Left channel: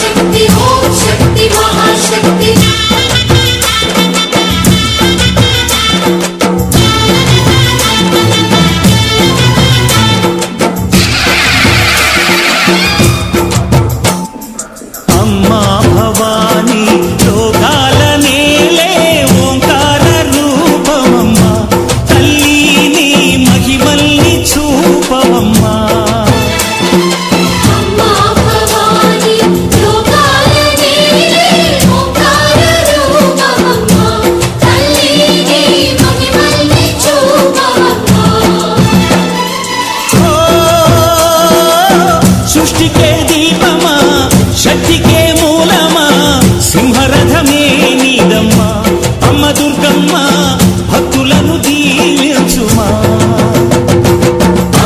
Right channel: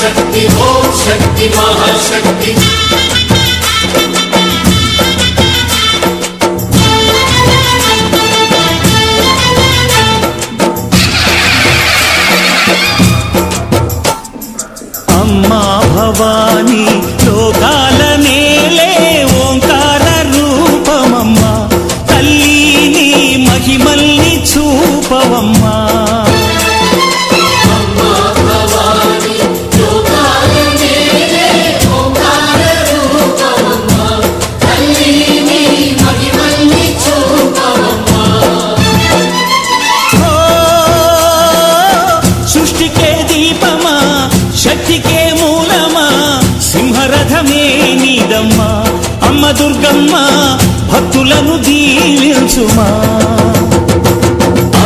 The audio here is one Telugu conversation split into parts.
పరాశక్తి ఓం శక్తి మహాశక్తి అమ్మా భవాని లోకాల నేలే ఓంకార రూపమమ్మా తల్లి నీ మహిమల్ని చూపవమ్మా సృష్టికే దీపమా శక్తికే మూలమా సింహరథమే నీదమ్మా అమ్మ దుర్గమ్మ భక్తులను దీవించుమా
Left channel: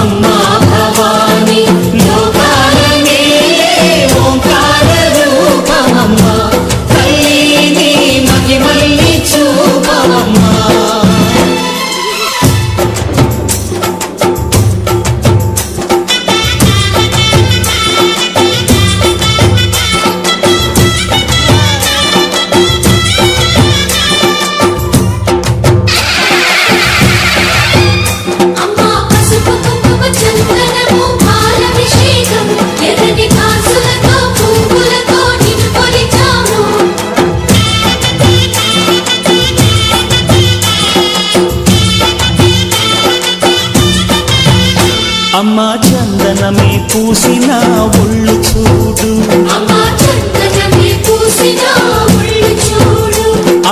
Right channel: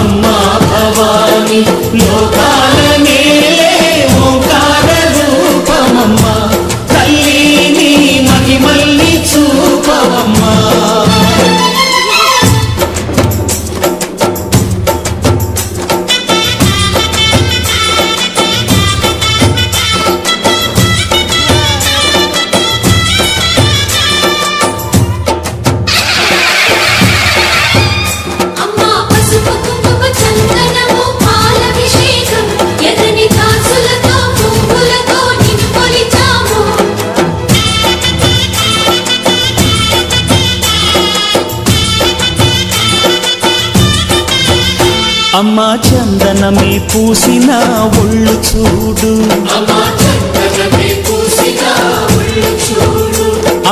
అమ్మా భవాని లోకాల నేలే ఓంకార రూపమమ్మా తల్లి నీ మహిమల్ని చూపవమ్మా అమ్మా చందనమే పూసిన ఒళ్ళు చూడు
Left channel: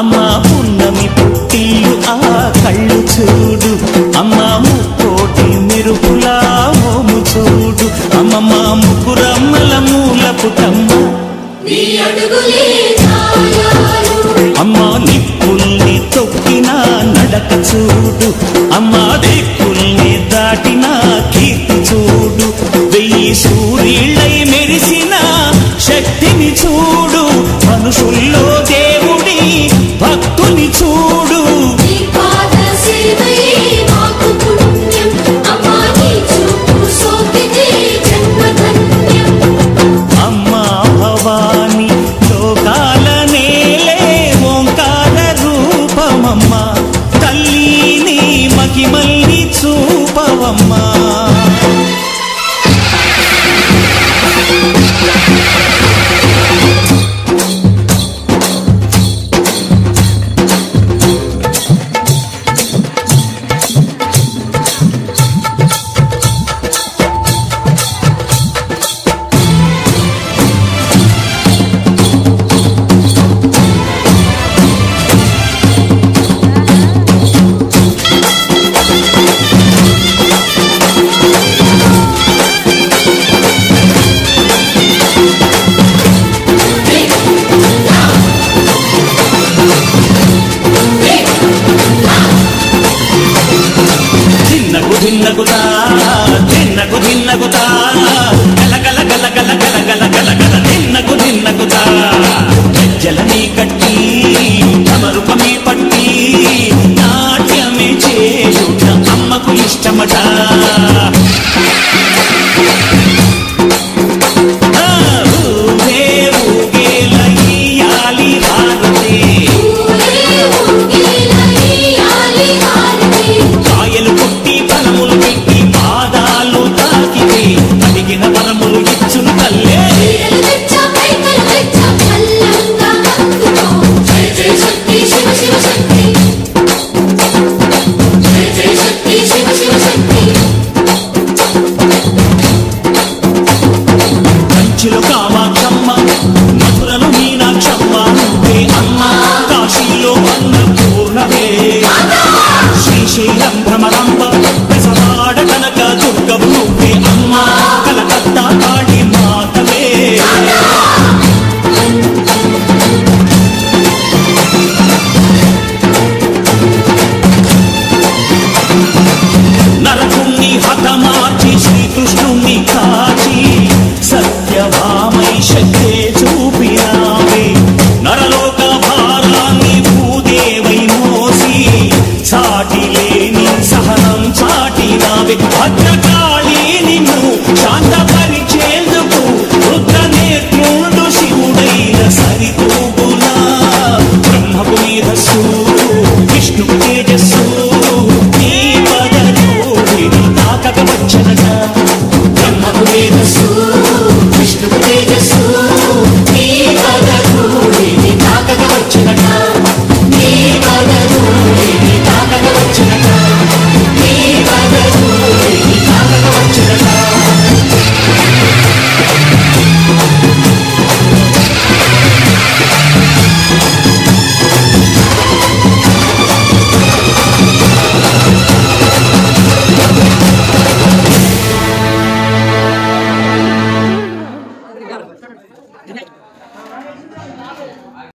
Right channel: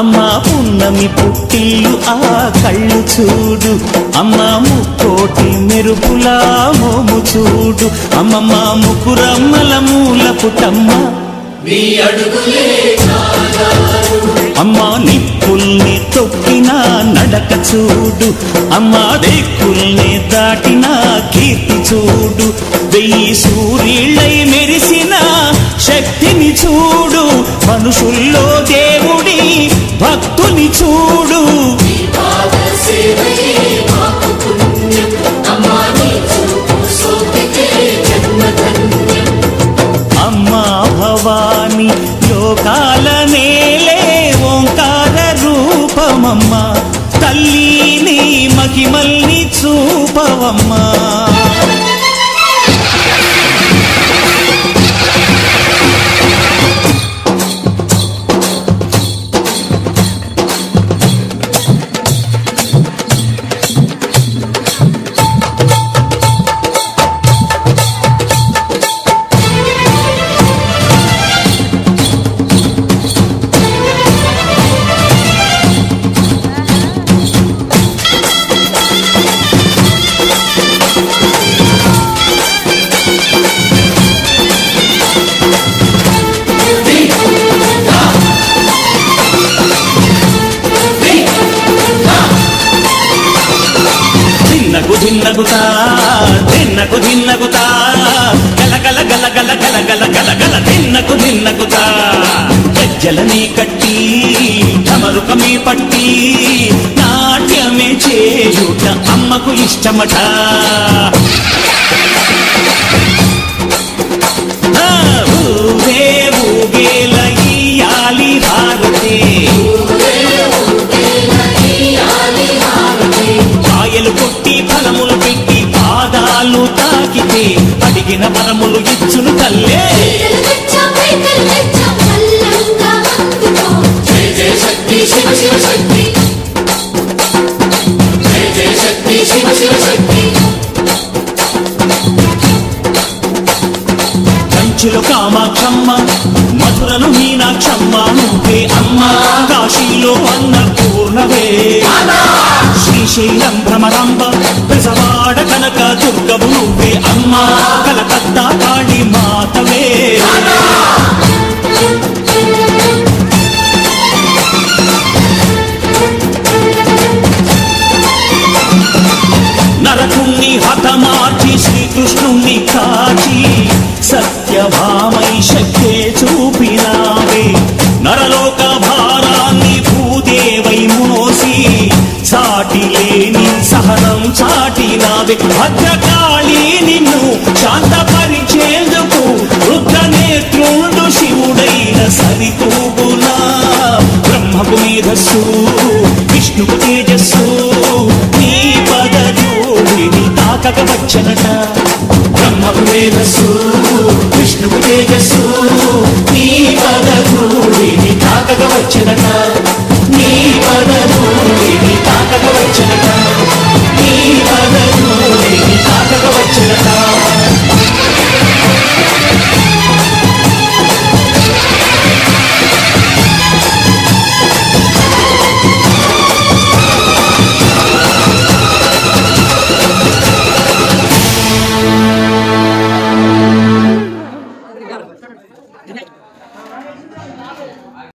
అమ్మా పున్నమి పుట్టిల్లు ఆ కళ్ళు చూడు అమ్మా ముక్కోటి మెరుపులా మోము చూడు అమ్మమ్మ ముకురమ్మల మూల పుటమ్మ అమ్మా నిప్పుల్ని తొక్కిన నడక చూడు అమ్మా దిక్కుల్ని దాటిన కీర్తి చూడు 1000 సూర్యుళ్ళై మెరిసిన శక్తిని చూడు మనుషుల్లో దేవుడి భక్తుని చూడు అమ్మా భవాని లోకాల నేలే ఓంకార రూపమమ్మా తల్లి నీ మహిమల్ని చూపవమ్మా ధిన్నగుతా ధిన్నగుతా గల గల గల గల గల గల గల గల ధిన్నగుతా గజ్జలని కట్టి తమరుకమే పట్టి నాట్యమే చేయుట అమ్మకు ఇష్టమట ఊగే ఊగేల ఇయ్యాలి హారతి కాయలు కొట్టి ఫలములు పెట్టి పాదాలు తాకితే అడిగిన వరములు ఇచ్చును తల్లే జయ జయ శక్తి శివ శివ శక్తి జయ జయ శక్తి శివ శివ శక్తి కంచిలో కామాక్షమ్మ మధురలో మీనాక్షమ్మ నువ్వే అమ్మ కాశీలో అన్నపూర్ణవే శ్రీశైలం భ్రమరాంబ బెజవాడ కనక దుర్గవు నువ్వే అమ్మ కలకత్తా కాళీ మాతవే నరకుణ్ణి హతమార్చి శ్రీకృష్ణుణ్ణి కాచి సత్యభామై శక్తే చూపినావే నరలోక భారాన్ని భూదేవై మోసి సాటి లేని సహనం చాటినావే భద్రకాళి నిన్ను శాంతపరిచేందుకు రుద్రనేత్రుండు శివ మేధస్సు విష్ణువు తేజస్సు నీ పదధూళిని తాకక వచ్చనట బ్రహ్మకు మేధస్సు విష్ణువు తేజస్సు నీ పదధూళిని తాకక వచ్చనట నీ పదధూళిని తాకక వచ్చనట నీ పదధూళిని తాకక వచ్చనట